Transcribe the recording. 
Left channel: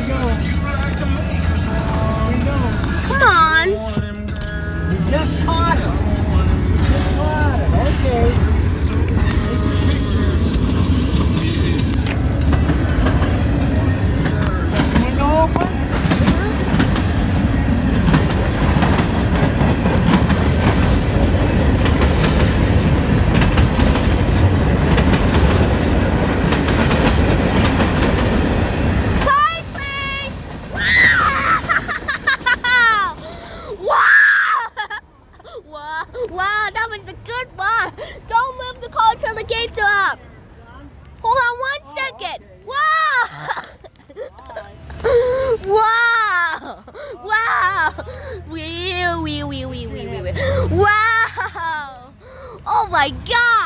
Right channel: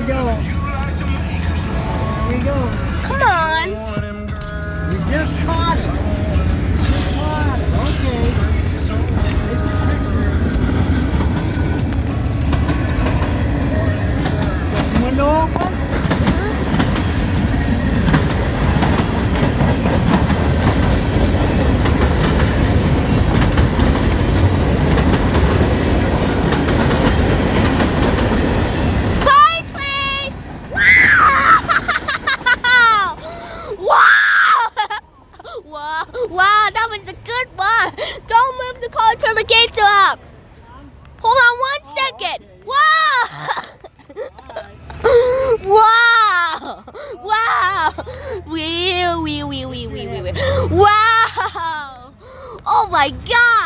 we go. Here we go. Come on. You just caught him. Just caught him. Okay. Take your picture. Window open? Wow, that was a good one. Don't move the car till the gates are up. Hold on 1 second. Wow! Wow! Wow! Wow! Oh my God!